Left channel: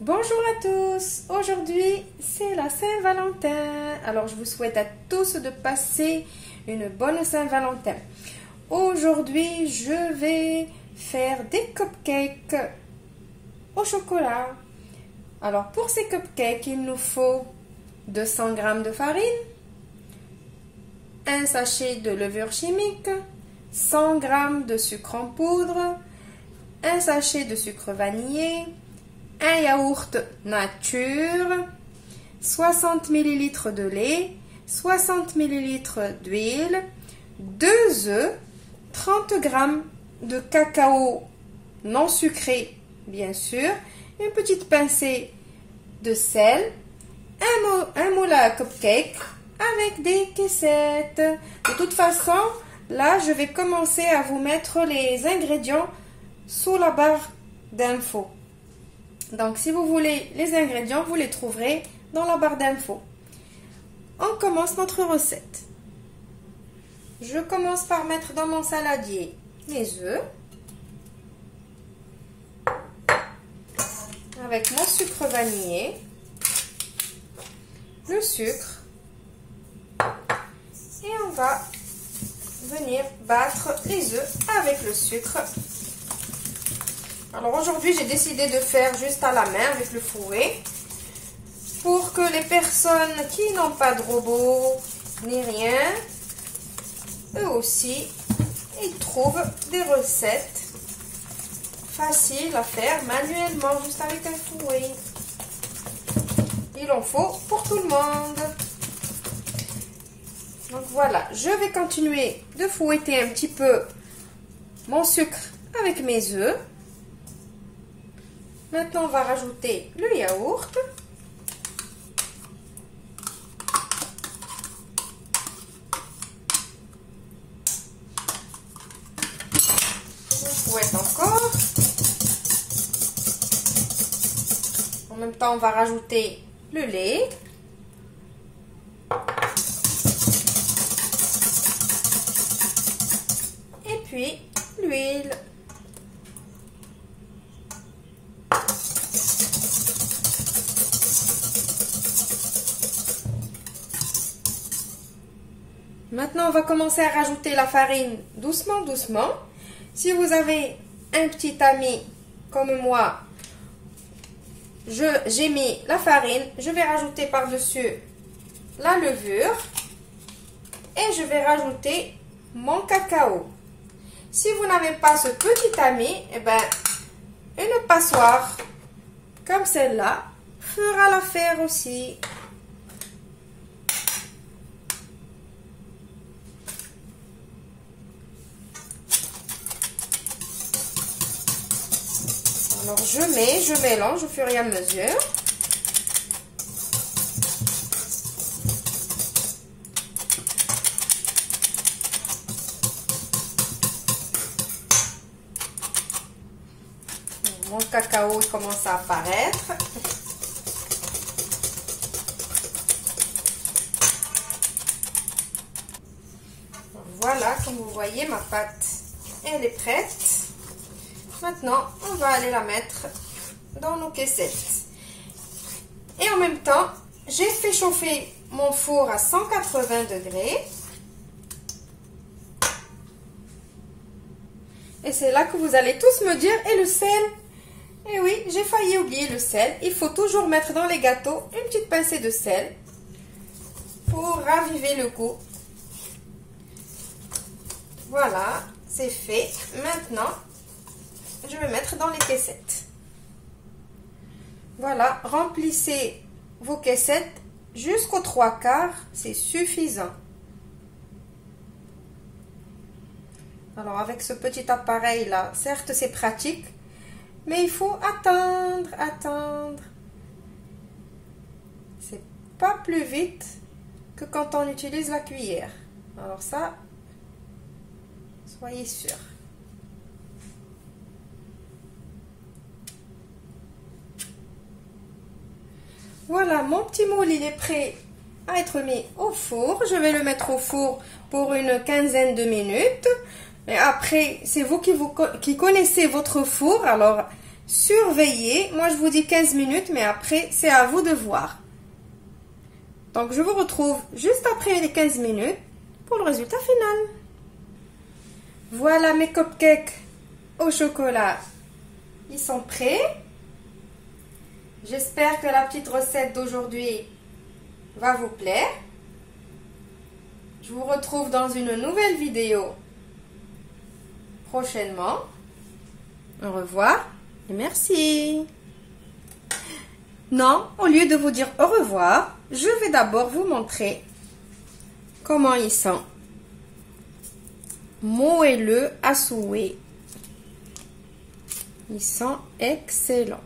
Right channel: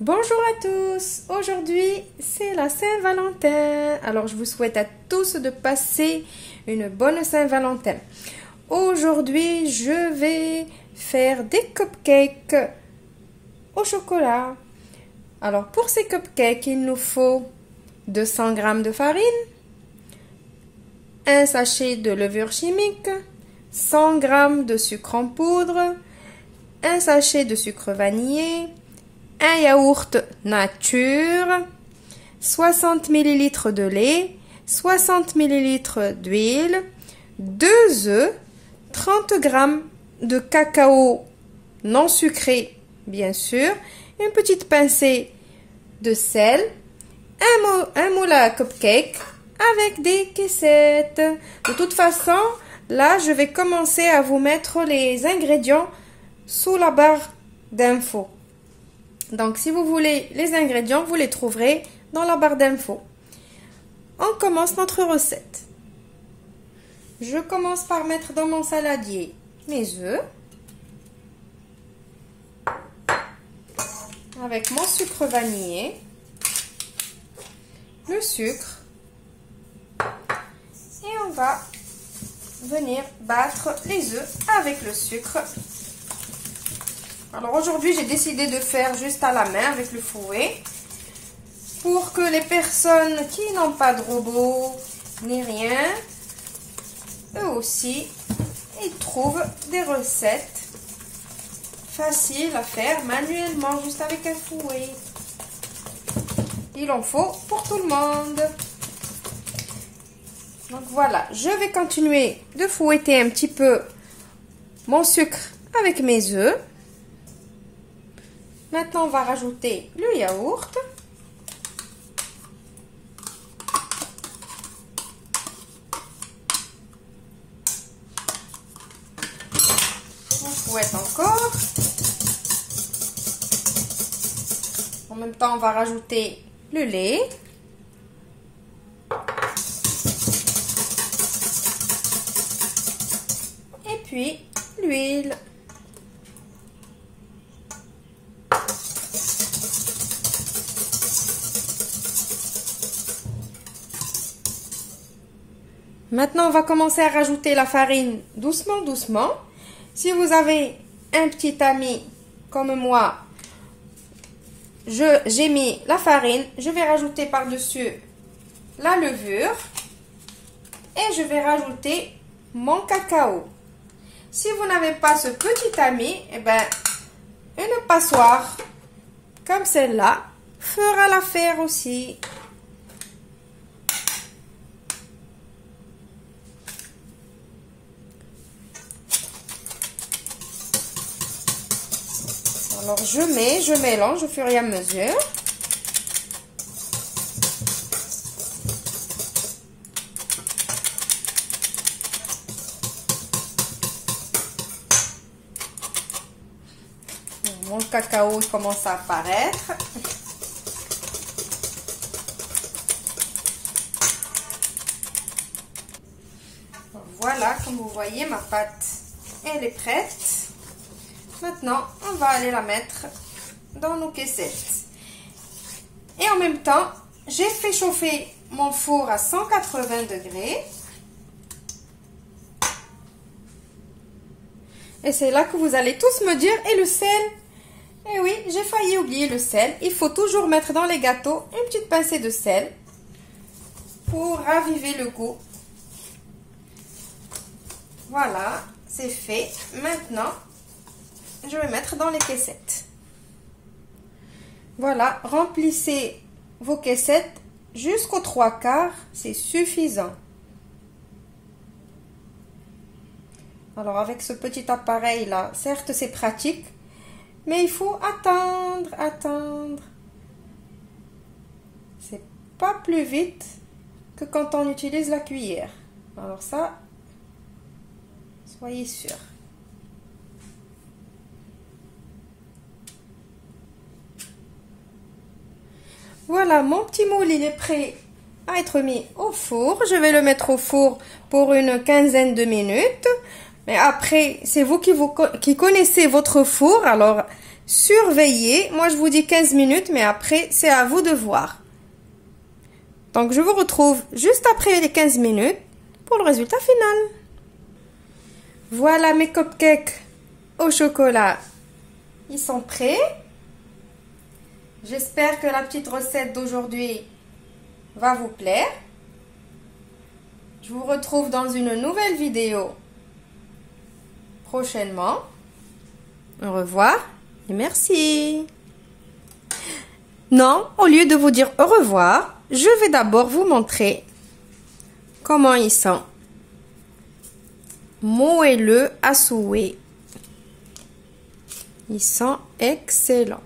Bonjour à tous, aujourd'hui c'est la Saint-Valentin, alors je vous souhaite à tous de passer une bonne Saint-Valentin. Aujourd'hui je vais faire des cupcakes au chocolat. Alors pour ces cupcakes il nous faut 200 g de farine, un sachet de levure chimique, 100 g de sucre en poudre, un sachet de sucre vanillé, un yaourt nature, 60 ml de lait, 60 ml d'huile, 2 œufs, 30 g de cacao non sucré bien sûr, une petite pincée de sel, un moule à cupcake avec des caissettes. De toute façon, là je vais commencer à vous mettre les ingrédients sous la barre d'infos. Donc, si vous voulez les ingrédients, vous les trouverez dans la barre d'infos. On commence notre recette. Je commence par mettre dans mon saladier mes œufs. Avec mon sucre vanillé. Le sucre. Et on va venir battre les œufs avec le sucre. Alors aujourd'hui, j'ai décidé de faire juste à la main avec le fouet pour que les personnes qui n'ont pas de robot ni rien, eux aussi, ils trouvent des recettes faciles à faire manuellement, juste avec un fouet. Il en faut pour tout le monde. Donc voilà, je vais continuer de fouetter un petit peu mon sucre avec mes œufs. Maintenant, on va rajouter le yaourt. On fouette encore. En même temps, on va rajouter le lait. Et puis, l'huile. Maintenant, on va commencer à rajouter la farine doucement, doucement. Si vous avez un petit ami comme moi, j'ai mis la farine. Je vais rajouter par-dessus la levure. Et je vais rajouter mon cacao. Si vous n'avez pas ce petit ami, eh ben, une passoire comme celle-là fera l'affaire aussi. Alors je mélange au fur et à mesure. Mon cacao commence à apparaître. Voilà, comme vous voyez, ma pâte, elle est prête. Maintenant, on va aller la mettre dans nos caissettes. Et en même temps, j'ai fait chauffer mon four à 180 degrés. Et c'est là que vous allez tous me dire, et le sel? Eh oui, j'ai failli oublier le sel. Il faut toujours mettre dans les gâteaux une petite pincée de sel pour raviver le goût. Voilà, c'est fait. Maintenant, je vais mettre dans les caissettes. Voilà, remplissez vos caissettes jusqu'aux 3/4, c'est suffisant. Alors avec ce petit appareil là, certes c'est pratique, mais il faut attendre. C'est pas plus vite que quand on utilise la cuillère. Alors ça, soyez sûr. Voilà, mon petit moule, il est prêt à être mis au four. Je vais le mettre au four pour une quinzaine de minutes. Mais après, c'est vous qui connaissez votre four. Alors, Surveillez. Moi, je vous dis 15 minutes, mais après, c'est à vous de voir. Donc, je vous retrouve juste après les 15 minutes pour le résultat final. Voilà mes cupcakes au chocolat. Ils sont prêts. J'espère que la petite recette d'aujourd'hui va vous plaire. Je vous retrouve dans une nouvelle vidéo prochainement. Au revoir et merci. Non, au lieu de vous dire au revoir, je vais d'abord vous montrer comment ils sont. Moelleux à souhait. Ils sont excellents.